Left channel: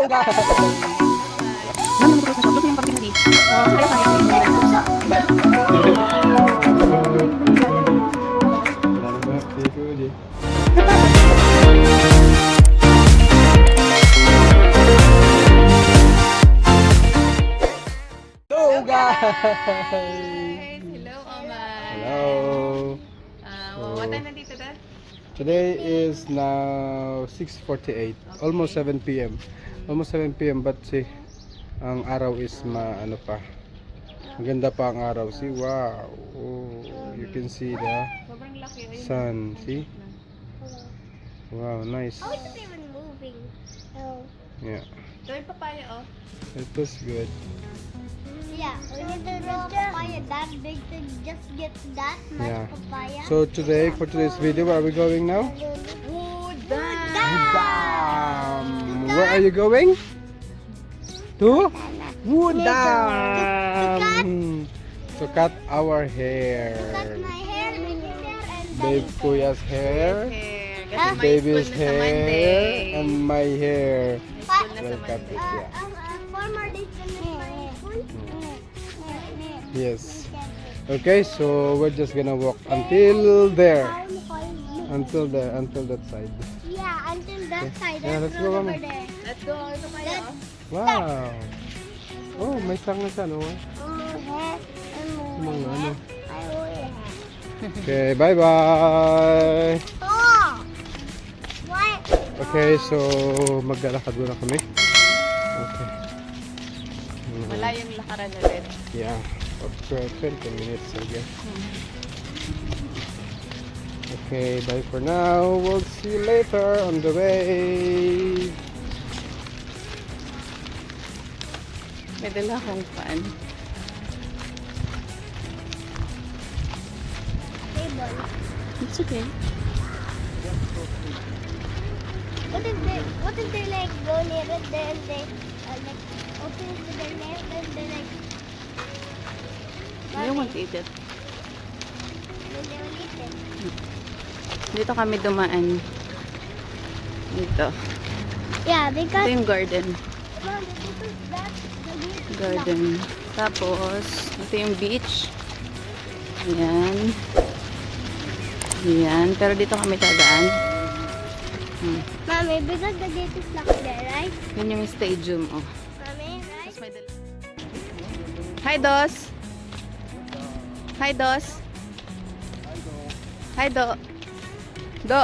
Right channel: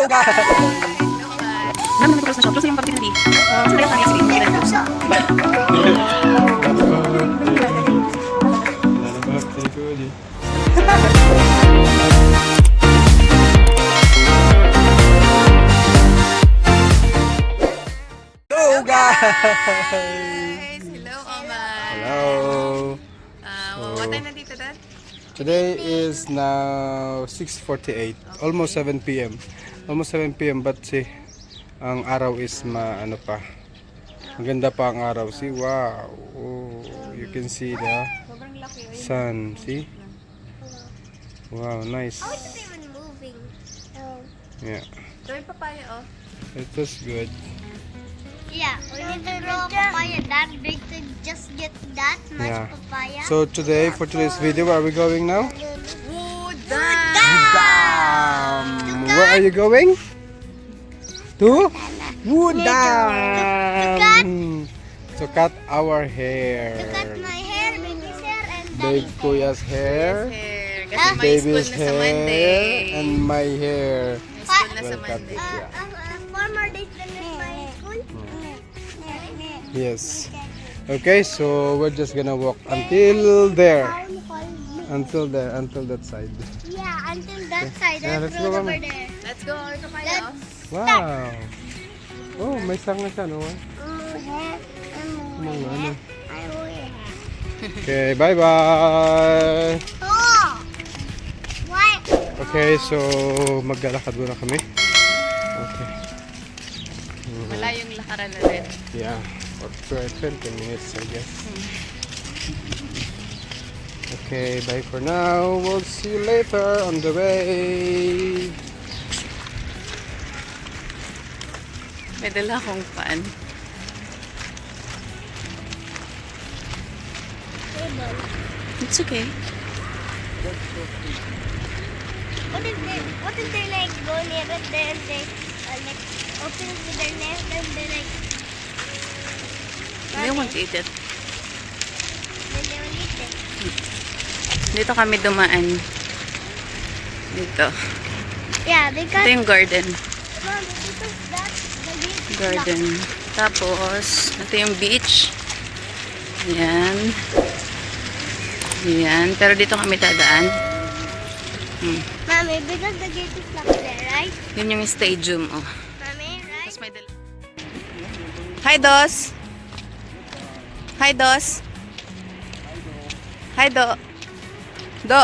Naman naman sa shop. Gusto yung pagpili na di. Sa tayo kami sige. Hindi na close. Hello guys! Hello, Omar. Hello! What time nandito, Dad? Today is now 6:48, almost 7 p.m. Almost 7 p.m. but see, ang araw is ano pa. Maganda pa ang araw. See, wow. Oh, you can see the Sobrang laki. sun. See? Wow, nice. Oh, it's even moving. Oh. Yeah, Gawin papaya, oh. it was good. Yeah, we need to grow papaya that big to just get that much Yeah. papaya. So today, for today's video, where are we going now? Where are you going? To Woodam. To cut our hair. Cut my hair, baby's hair, and Big Kuya's hair. Kasi may school Baby's na sa hair. Monday. And my hair. May school na sa Well cut Monday. it, yeah. 4 more days to my school. Yes. Okay, so we're just gonna walk until there. Until there, until that side. Yeah, until that side. Yeah, let's go, over Mama. there. Let's go. Ito kayo, oh. Wow. Oh, may sang na siya, no? Mga ano. Okay, bye-bye. Oh! What? Okay, so maglalakad muna kami. Okay. Malayong lakaran ulit. Yeah, for 20 minutes, I guess. Okay, bye for now. We'll see you later on the way. May dala akong fan. It's okay. What if they like go near it there and they like open to their nest and they like I want to eat it. then they will eat it? Dito kami dumaan. Dito. Yeah, Ito because yung garden. Mom, because that's the big Garden. Tapos, ito yung beach. Ayan. Ayan. Pero dito kami dadaan. Mommy, because the gate is locked there, right? Yun yung stadium, oh. Mommy, right? Tapos may dala. Hi, Dos! Hi, Dos! Hi, Do! Do!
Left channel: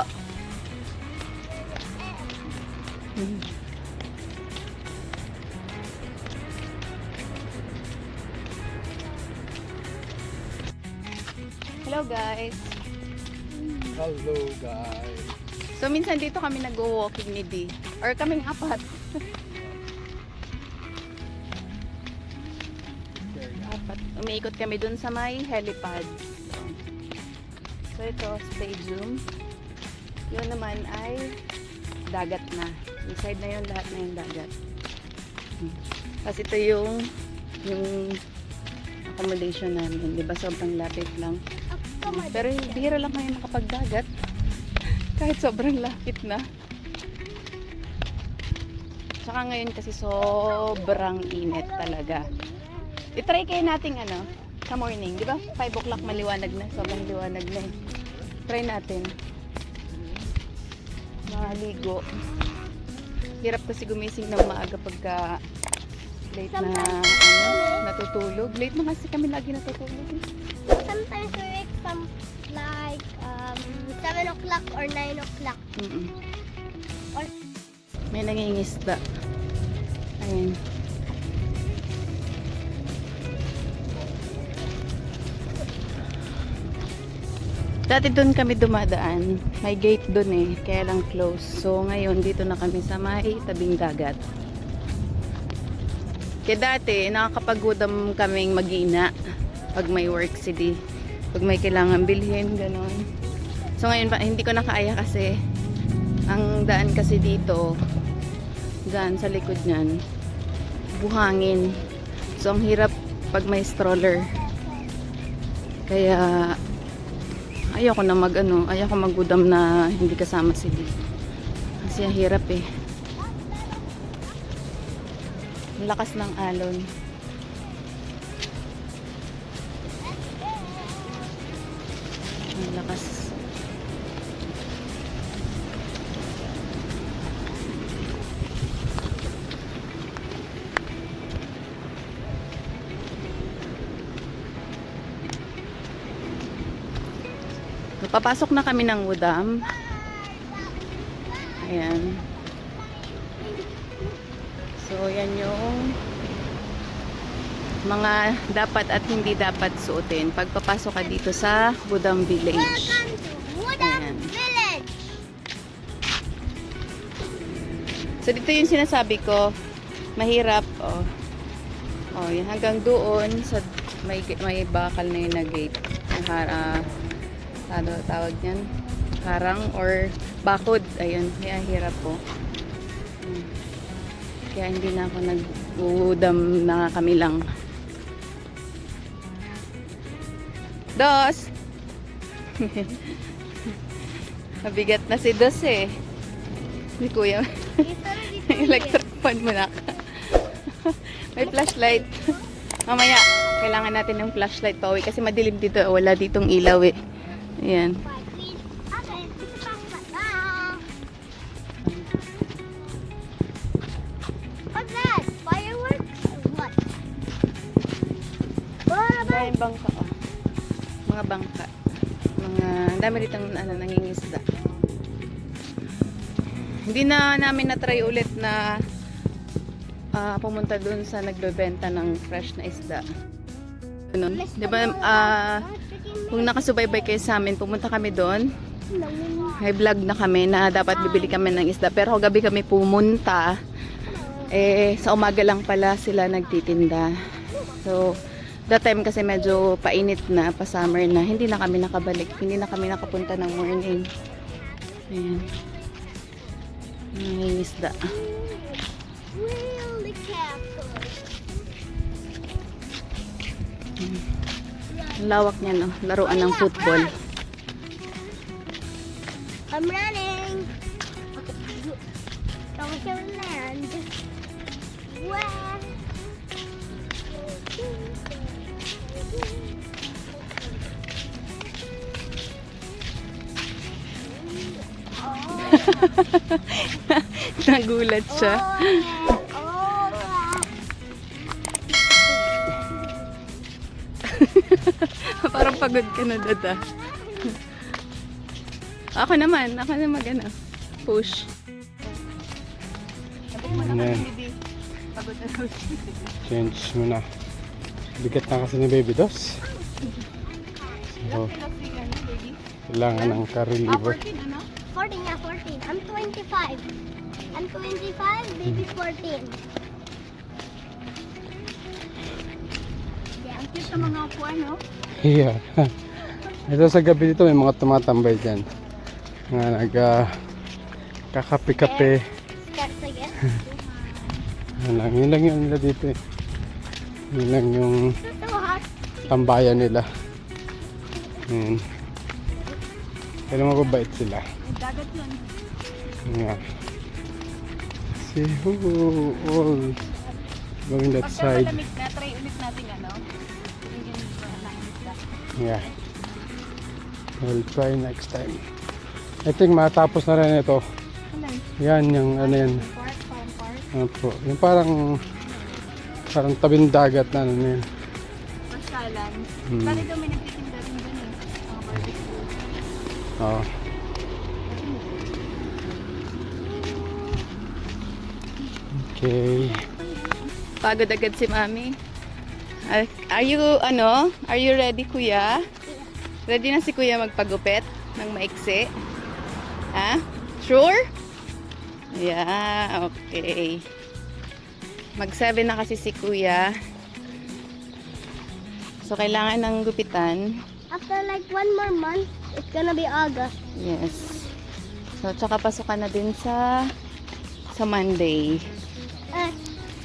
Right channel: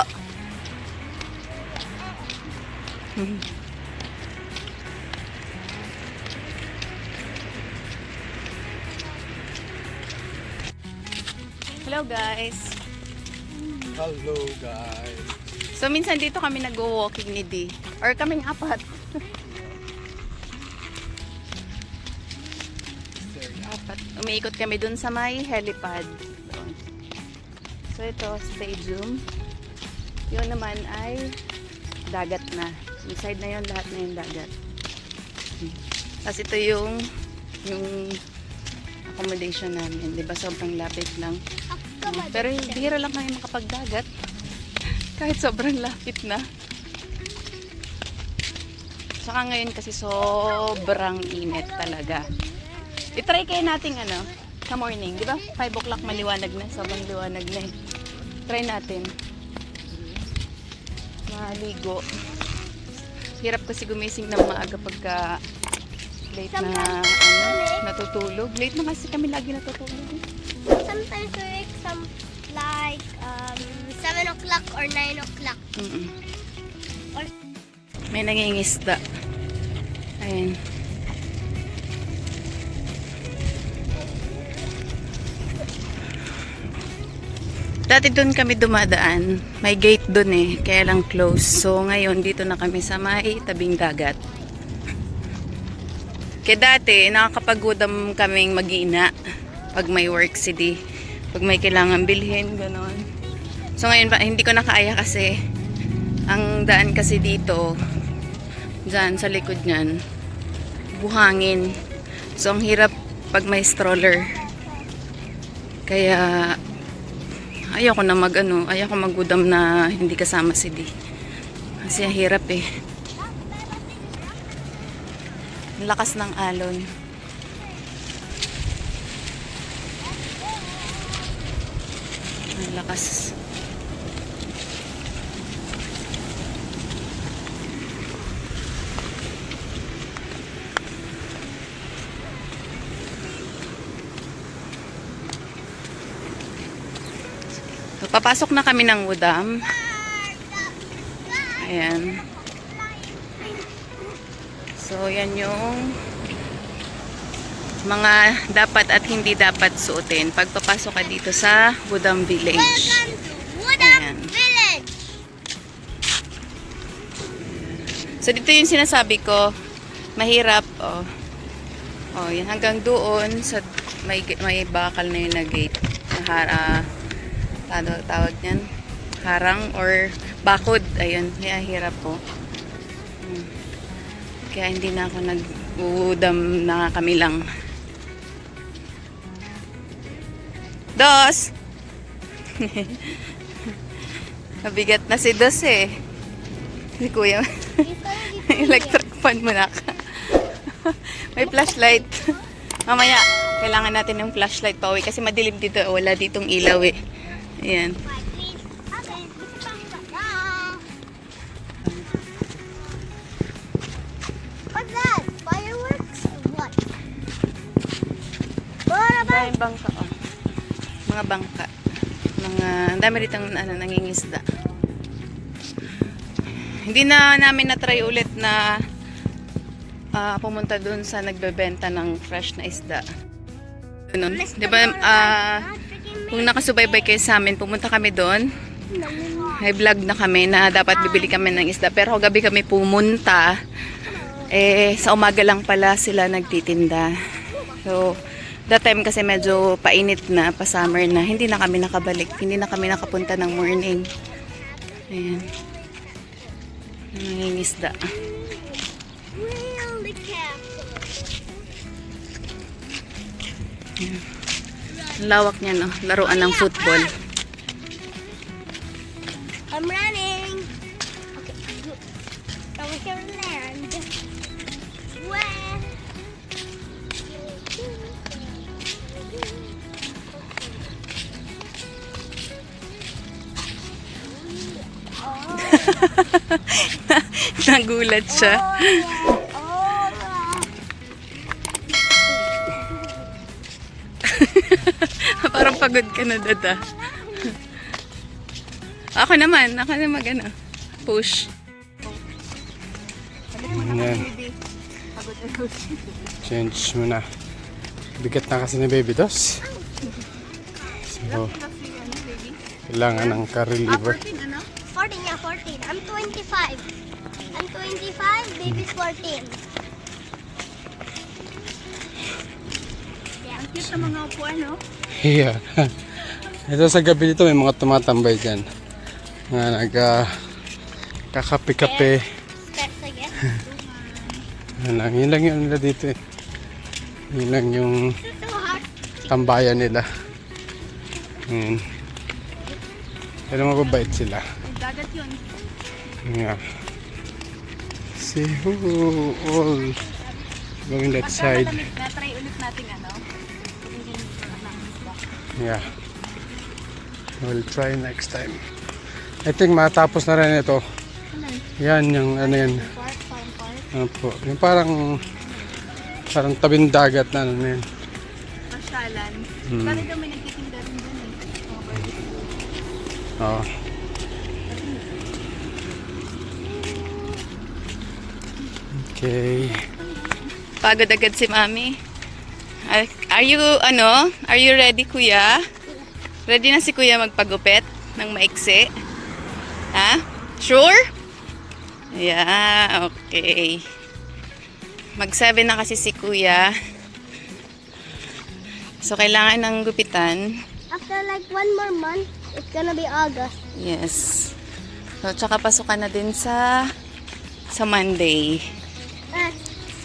Hello, guys! Hello, guys. So, minsan dito kami nag-walking ni Di. Or kaming apat. Apat. Umiikot kami dun sa may helipad. So, ito, stadium. Yun naman ay dagat na. Yung side na yun, lahat na yung dagat. Tapos ito yung accommodation namin. Diba, sobrang lapit lang. Pero bihira lang kami makapagdagat. Kahit sobrang lapit na. Saka ngayon kasi sobrang init talaga. I-try kayo natin sa morning. Di ba? 5 o'clock maliwanag na. Sobrang liwanag na. Try natin. Maligo. Hirap kasi gumising ng maaga pagka late na natutulog. Late na kasi kami lagi natutulog. Sometimes we wake like 7 o'clock or 9 o'clock. Or May nangingisda. Ayun. Dati doon kami dumadaan. May gate doon eh. Kaya lang close. So ngayon dito na kami sa may tabing dagat. Kaya dati nakakapagudam kaming mag-ina pag may work city. Pag may kailangan bilhin, gano'n. So ngayon hindi ko na kaya kasi ang daan kasi dito dyan sa likod nyan buhangin. So ang hirap pag may stroller. Kaya ayoko na ayoko magudam na hindi kasama si Di. Kasi hirap eh. Ang lakas ng alon. Ang lakas. So, papasok na kami ng Udam. Ayan. So, yan yung mga dapat at hindi dapat suotin pag papasok ka dito sa Udam Village. Ayan. Village. So, dito yung sinasabi ko, mahirap, oh. Oh, yan, hanggang doon, sa may bakal na yun na gate. Ano tawag niyan? Harang or bakod. Ayun, kaya hirap po. Kaya hindi na ako nag-udam na kami lang. Dos! Mabigat na si Dos eh. Si Kuya. Electric fan mo na ka. May flashlight. Mamaya, kailangan natin ng flashlight pa uwi kasi madilim dito. Wala ditong ilaw eh. Ayan. What's that? Fireworks? What? Daming bangka oh. Mga bangka. Ang dami ditong nangingisda. Hindi na namin na-try ulit na pumunta dun sa nagbebenta ng fresh na isda. Ganun. Diba, kung nakasubaybay kayo sa amin, pumunta kami doon. May vlog na kami na dapat bibili kami ng isda. Pero gabi kami pumunta, sa umaga lang pala sila nagtitinda. So, that time kasi medyo painit na, pa summer na. Hindi na kami nakabalik. Hindi na kami nakapunta ng morning. Ayan. Ang isda. Really careful. Ayan. Ang lawak niya, no? Laruan ng football. I'm running. Okay. I'm here to land. Where? Nagulat siya. Parang pagod ka na, dada. Ako naman ano, push. Ayan. Change mo na. Bigat na kasi ni Baby Dos. So, kailangan ng car-reliever. 14, yeah, 14. I'm 25. I'm 25, baby's 14. Ang cute sa mga upuan, no? Yeah. Ito sa gabi dito may mga tumatambay dyan. Nga kakape-kape. Steps again. Yun lang yun nila dito eh. Yun lang yung So hard. tambayan nila. Yun. Pero mababait sila. Ay, dagat yun. Yeah. See who all going that side. Na-try ulit natin, ano? Hindi Yeah. We'll try next time. I think matapos na rin ito. Yan, yung ano yan. Park, parang park. Ano po. Yung parang tabing dagat na ano yan. Pasyalan. Hmm. Bakit daw may nagtitinda rin dun eh? Mga barbecue. Oo. Okay. Pagod agad si Mami. Are you ready, Kuya? Ready na si Kuya magpagupit ng maiksi? Ha? Sure? Yeah, okay. Mag-7 na kasi si Kuya. So, kailangan ng gupitan. After like 1 more month, it's gonna be August. Yes. So, tsaka pasukan na din sa Monday.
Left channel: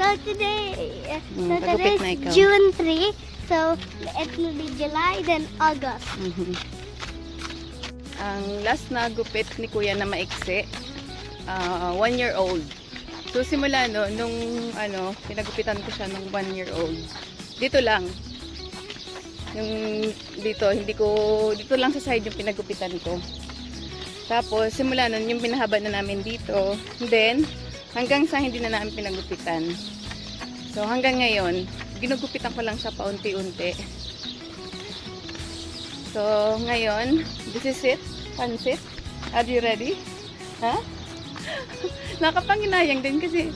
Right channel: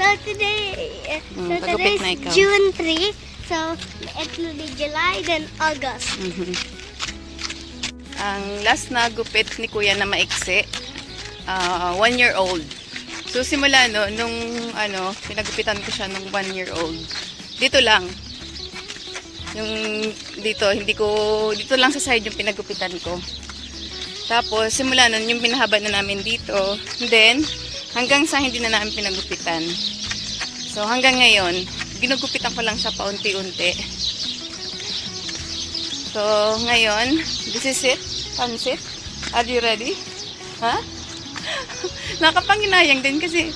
So today, pagupit na today ikaw. is June 3. So it will be July, then August. Mhm. Ang last na gupit ni Kuya na maiksi, 1 year old. So simula no, nung pinagupitan ko siya nung 1-year-old. Dito lang. Yung dito lang sa side yung pinagupitan ko. Tapos simula nun yung pinahaba na namin dito. Then hanggang sa hindi na namin pinagupitan. So hanggang ngayon, ginugupitan ko lang siya paunti-unti. So ngayon, this is it. Pansit. Are you ready? Ha? Nakapanginayang din kasi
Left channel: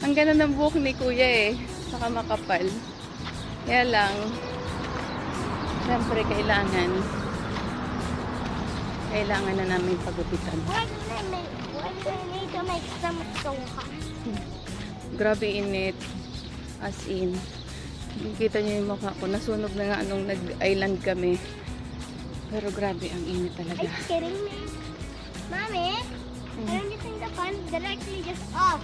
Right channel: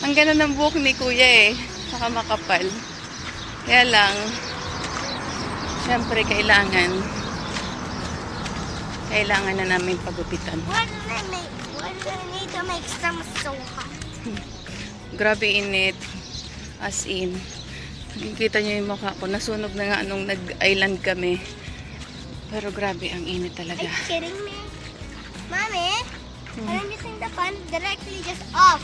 ang ganda ng buhok ni kuya saka makapal. Kaya lang, syempre kailangan na namin pagupitan. Why do I need to make stomach so hot? Grabe init. As in. Nakikita niyo yung mukha ko. Nasunog na nga nung nag-island kami. Pero grabe, ang init talaga. Are you kidding me? Mommy, I'm using the fan directly just off.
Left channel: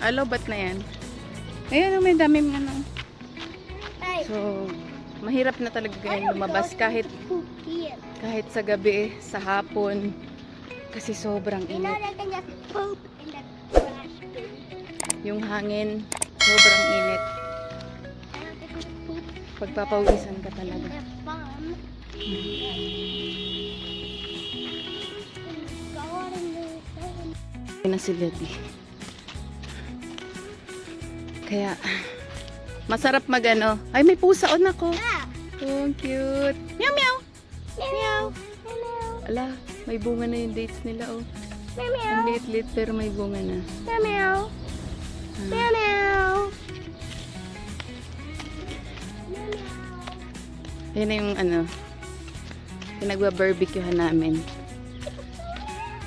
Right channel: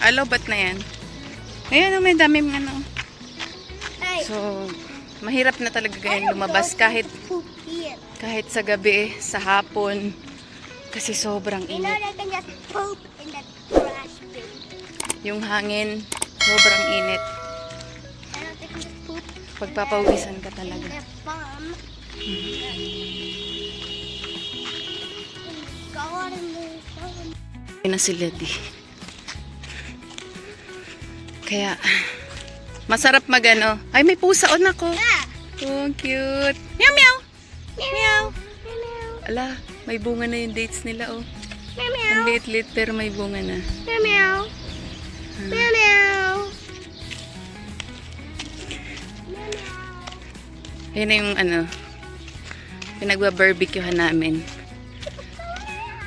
Alobat na yan. Ayan, may daming Hey, So, mahirap na talaga ganyan lumabas kahit poop here. sa gabi, sa hapon. Kasi sobrang You know init. that I can just poop in the trash bin. Yung hangin, sobrang init. I don't think you poop Pagpapawisan ka talaga. in the bomb. God, Na sila di. Kaya, masarap magano. Ay, may pusa on ako. Oh, ang cute. Meow, meow. Meow. Ala, may bunga na yung dates nila, oh. Ang liit-liit pero may bunga na. Meow. Meow. Ayun na yung pinagba-barbecuehan namin.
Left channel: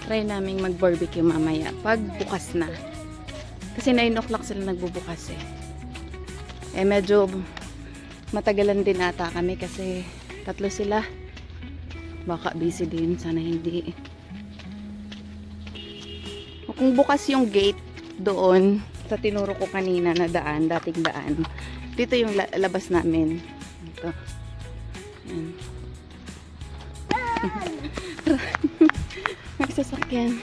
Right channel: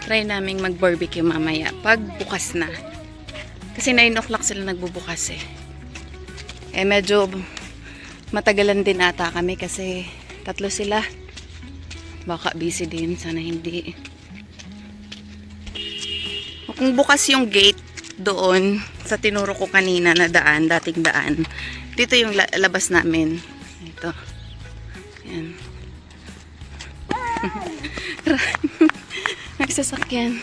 Try naming mag-barbecue mamaya pag bukas na. Kasi 9 o'clock sila nagbubukas medyo matagalan din ata kami kasi 3 sila. Baka busy din, sana hindi. Kung bukas yung gate doon sa tinuro ko kanina na daan, dating daan, dito yung labas namin. Ito. Yan. Nagsasakyan.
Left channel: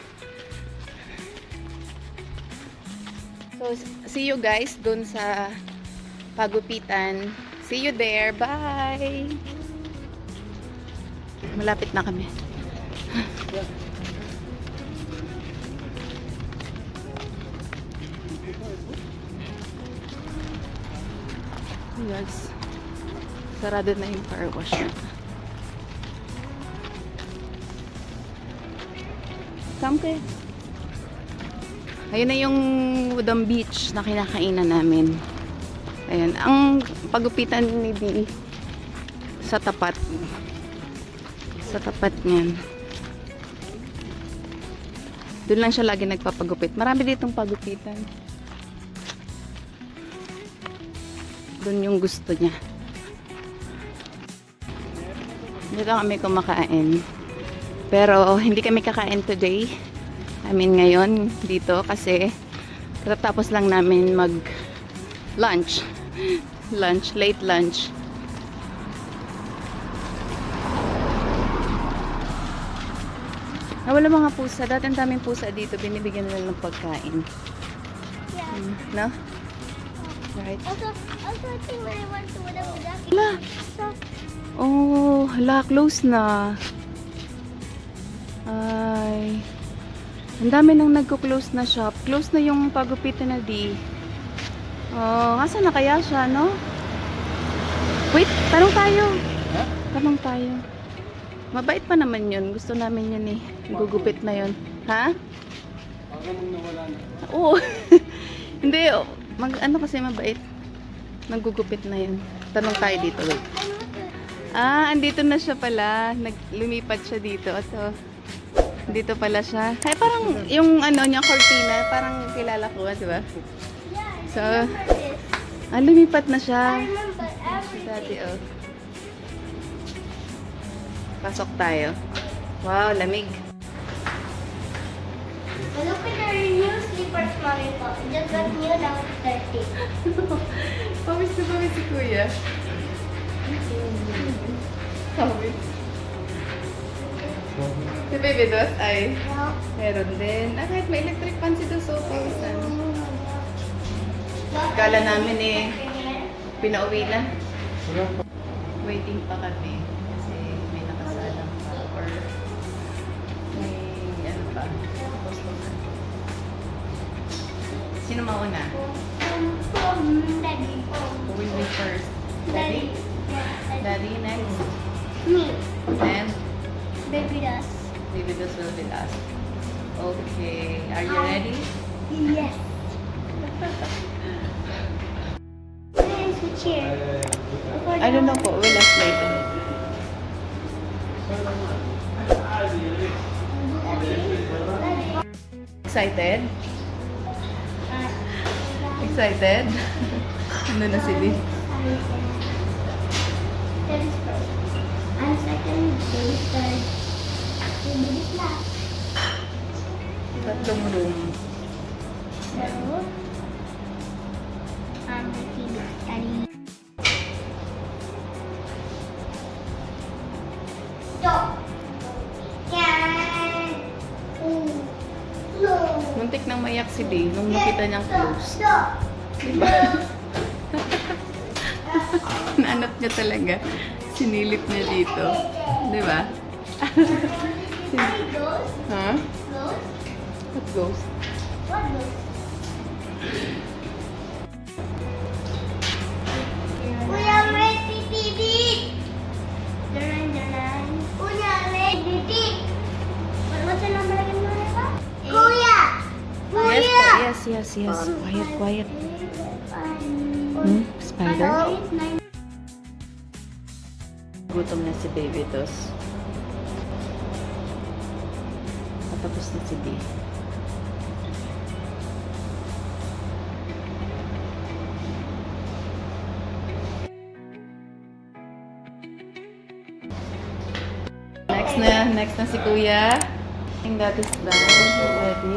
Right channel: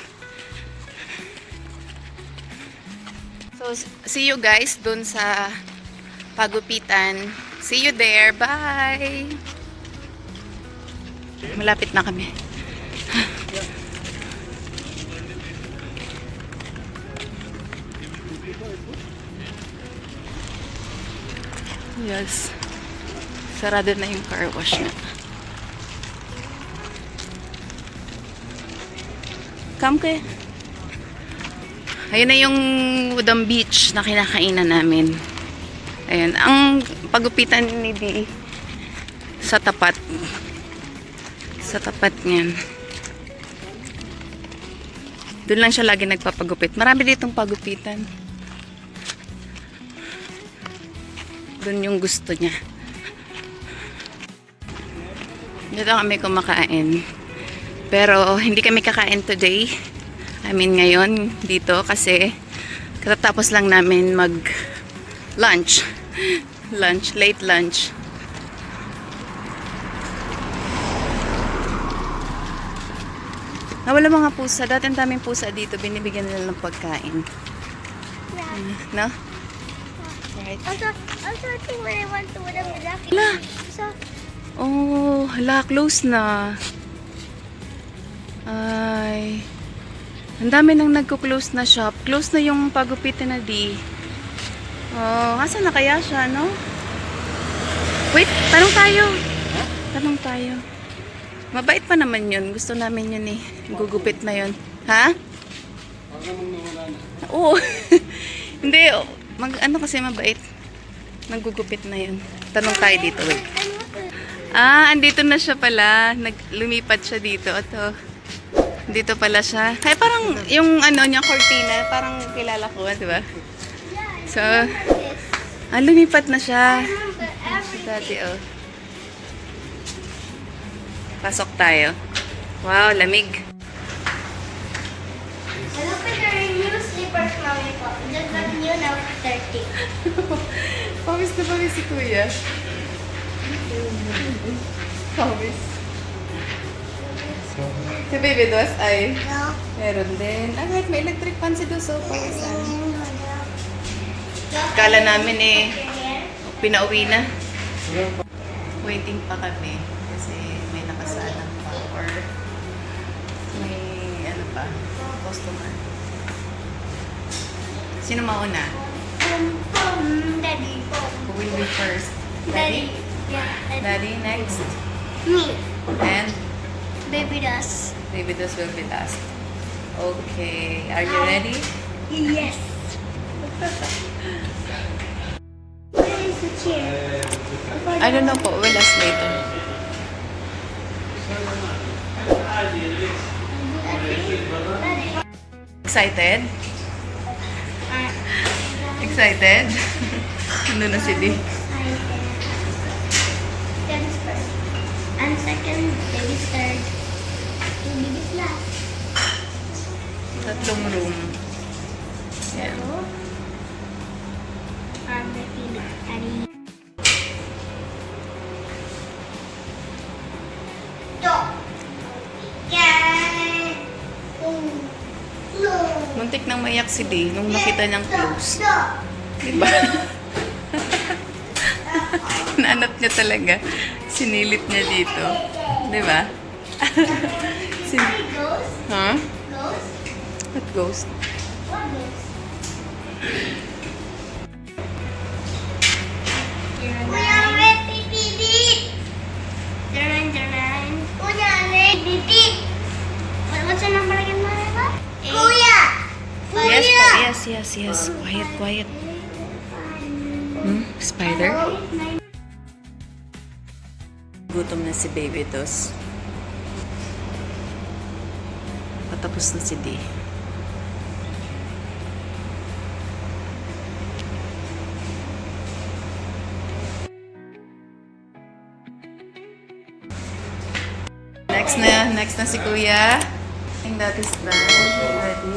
So, see you guys dun sa pagupitan. See you there. Bye! Malapit na kami. Yes. Sarado na yung car wash na. Come kaya. Ayun na yung Udang Beach na kinakainan namin. Ayun. Ang pagupitan ni Di sa tapat. Sa tapat niyan. Doon lang siya lagi nagpapagupit. Marami ditong pagupitan. Doon yung gusto niya. Dito kami kumakain. Pero hindi kami kakain today. I mean ngayon dito kasi katatapos lang namin mag lunch. Late lunch. Nawala mga pusa. Dati ang daming pusa dito. Binibigyan nila ng pagkain. No? Right. Also, I think when I went to Udang Hala. so Oh, hala. Close na. Ay. Ang dami nang nagko-close na shop. Close na yung pagupitan na Di. Oh, asan na kaya siya, no? Wait, tanong tayo. Tanong tayo. Mabait pa naman yun. Gusto namin yun eh. Gugupit na yun. Ha? Baka mong nawala na. Oo. Hindi. Ano kasi mabait. Naggugupit na yun. Tanong tayo dito. Wait. Andito na siya pala. Lumipat siya dito. Ito. Dito pala siya. Ay, parang yung niya, cortina. Parang kilala ko, di ba? So, lumipat na siya. Dati, oh. Pasok tayo. Wow, lamig. look at our new slippers, Mommy. Just got new now, 30. Pawis na pala si Kuya. Pawis. Si Baby Dos ay No. meron din. Kahit may electric fan si Dos, so pawisan. Kala namin eh, pinauwi na. Waiting pa kami. Kasi may nakasalang pa. Or may ano pa, customer. Sino mauna? Daddy. Who will be first? Daddy. Yeah. Daddy next. Me. And Baby does. Baby Dos will be last. Okay. Are you ready? Yes. Where is the chair? I don't know po. We'll ask later. Excited? Excited? Ano na si Di? Daddy's first. And second, baby's third. Baby's last. Tatlong room. Yeah. So, on the TV. Daddy. Stop. Yeah. No. Muntik nang maiyak si Di nung nakita niyang close. Stop. Diba? Naanap niya talaga. Sinilip niya dito. Diba? Ghost. Huh? Ghost. What ghost? What ghost? We are ready, baby. Jalan. Kuya, ready. What's your number again, Marika? Kuya. Yes po. Yes. Quiet. Spider? Gutom na si Baby Dos. Patapos na si Di. Next na si Kuya. And that is done. Ready?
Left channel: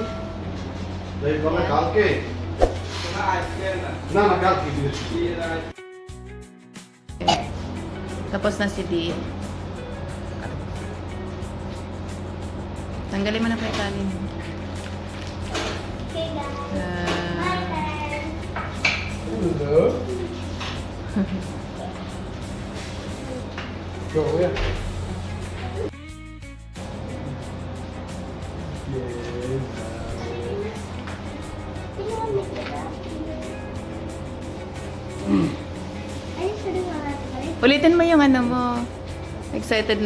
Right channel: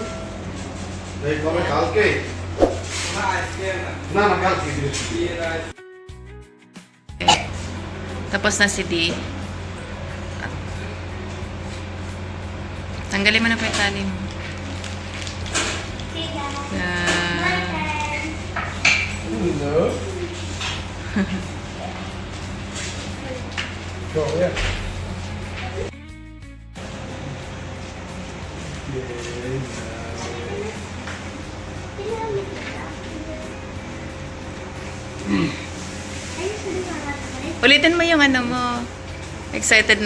Tapos na si Di. Tanggalin mo na po yung tali mo. Hello. Go, yeah. Ulitin mo yung ano mo. Excited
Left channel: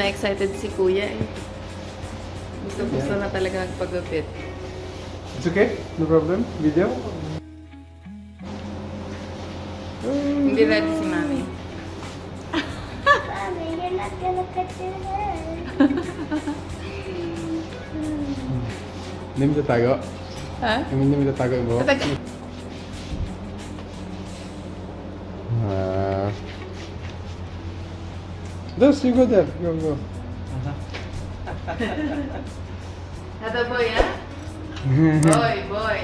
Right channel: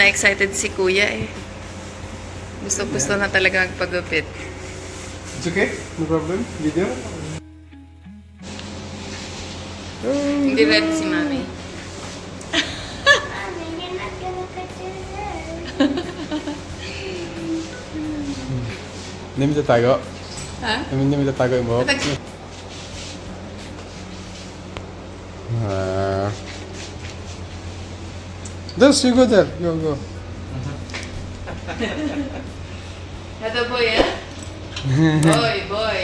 si Kuya eh. Gusto na talaga magpagupit. It's okay? No problem? Video? Hindi ready si Mami. Mommy, you're not gonna cut your hair. Hindi mo tatago? Ha? Hindi mo tatago yung buhok? Just you go there. Go. Ito boy, eh? Boy.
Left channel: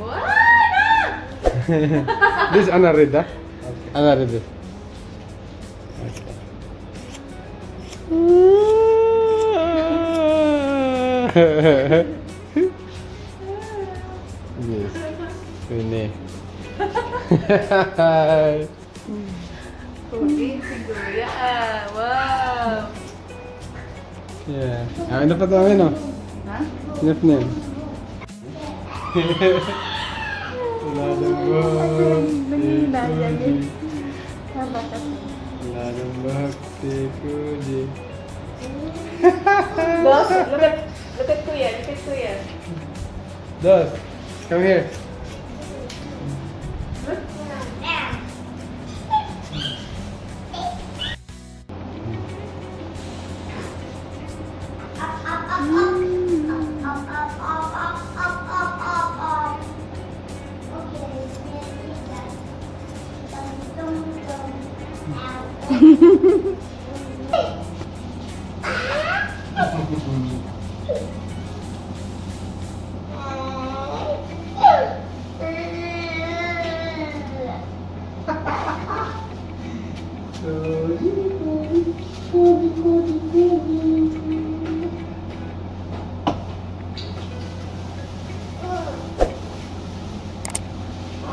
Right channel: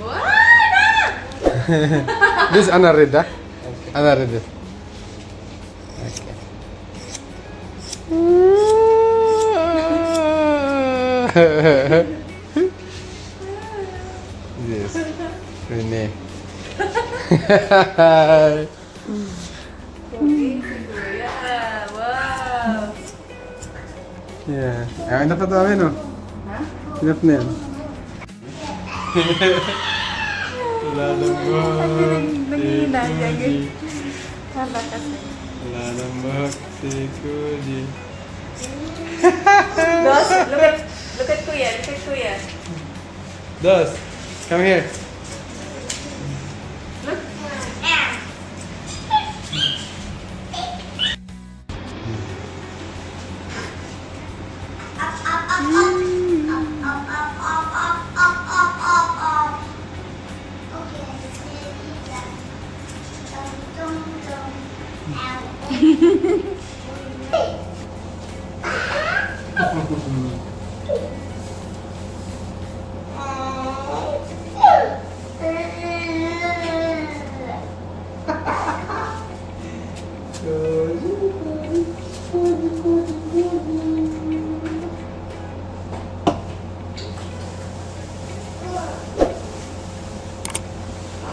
What? This is Anna Red, huh? Anna Red. Okay. Yes. Your name. Wow. Yeah. Ang dapat namin, no? Ha? Enough na yan. Wala nang bahak. Wala nang bahak si Kuji. Dos, look at Kuya. Dos, come here.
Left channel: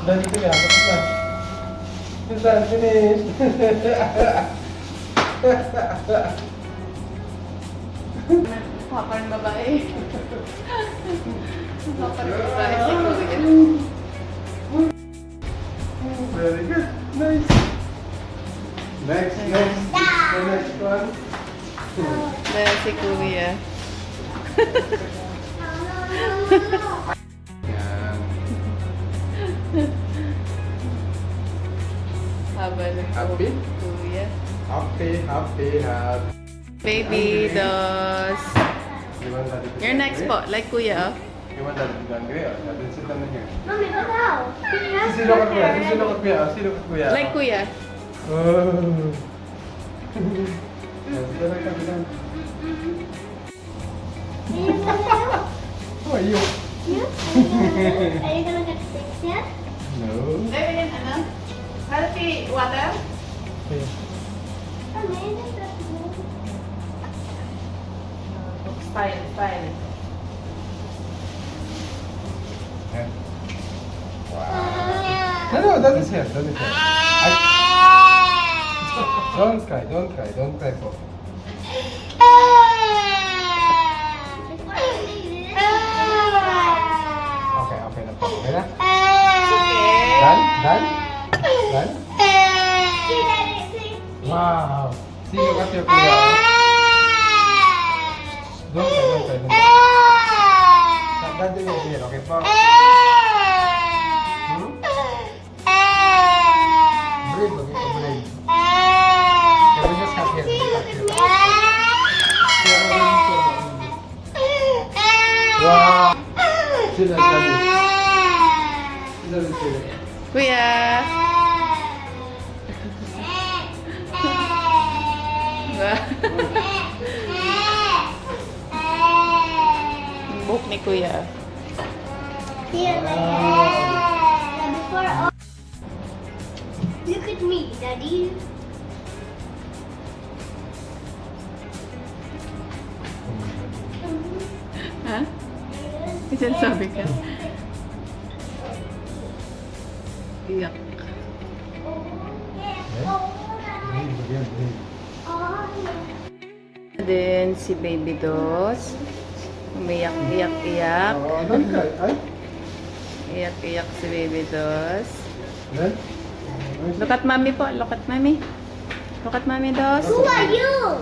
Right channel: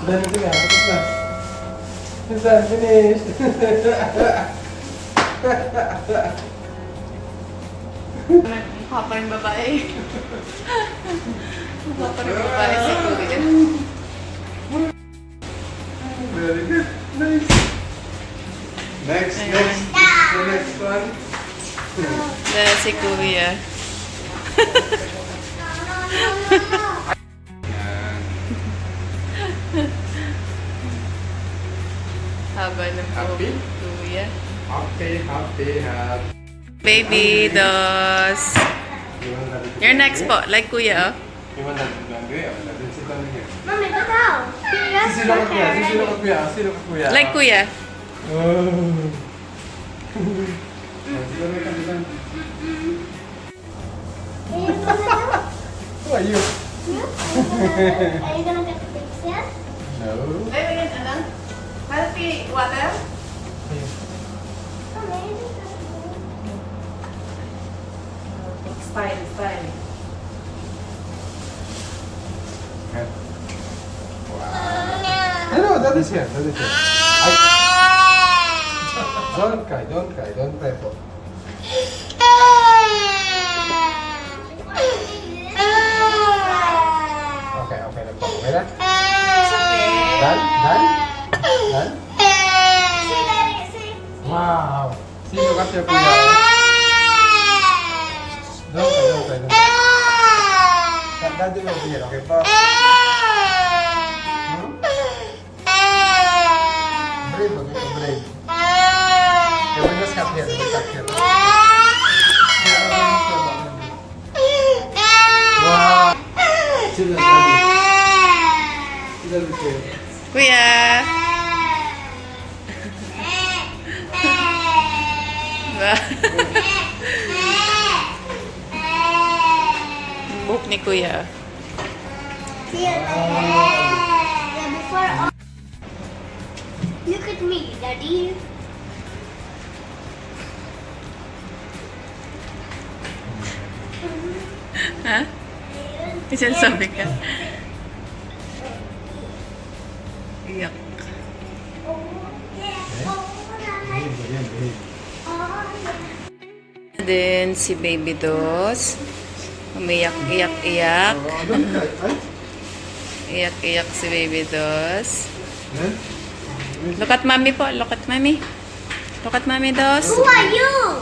Dali ko yan. Tapos na. Minsan, finish. Papa yung babae. Papa yung babae si Kuya. Very good. Nice. Next, Ayan. next. The next one. Dala si Kuya. Haba ng Happy? Kuya. Happy, happy, happy. Baby Dos. You want that? You're next po. Like Kuya, oh. You want that? Yeah, that is it on here. Mommy, go down. Sino ka kuya? Sino ka kuya? Sino ka kuya? Like Kuya. Oh. Sino ka dyan? Who are you? Are you gonna take picture? No. Ay, wala na. Healthy water? Mommy, Style, style. No, that is here. That is here. Don't cry. Don't cry. Don't cry po. Okay, okay na po. Okay na? Done? Done? Done? See, Daddy, see. Wow! Sino kasi yung kuya? Don't cry. Don't cry. Don't cry. Daddy over here. Okay po? Hmm? Brave. Okay po, brave. Okay, we just cut here. We just cut here. Wow! Sino yung daddy? Sino yung kuya? Kuya. Buhok ni Kuya. Yeah, before all. Look at me, Daddy. Ha? Isang sabi ka. Iyak. Then si Baby Dos. Umiyak, iyak, iyak. Iyak, iyak si Baby Dos. Look at Mommy po. Look at Mommy. Look at Mommy Dos. Who are you?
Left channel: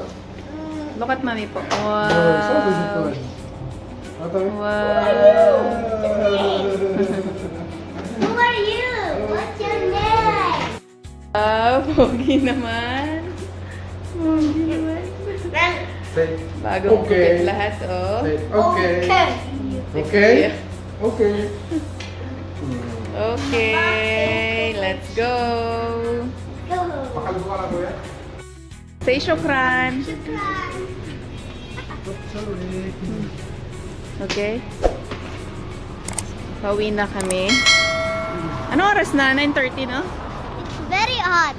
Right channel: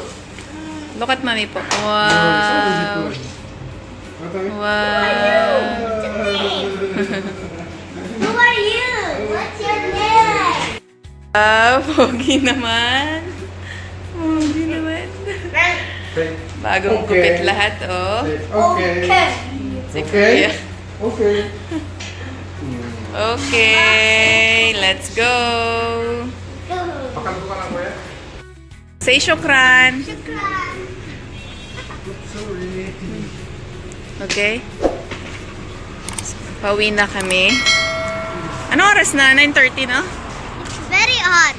Look at Mommy po. Wow. Wow. Who are you? What's your name? Ah, pogi naman. Pogi naman. Bagong gupit lahat, oh. Okay. Si Okay. Kuya. Okay. Okay, let's go. Go. Makaluto ka na kuya? Say shukran. Sorry. Okay. Pauwi na kami. Ano oras na? 9:30, no? Very hot.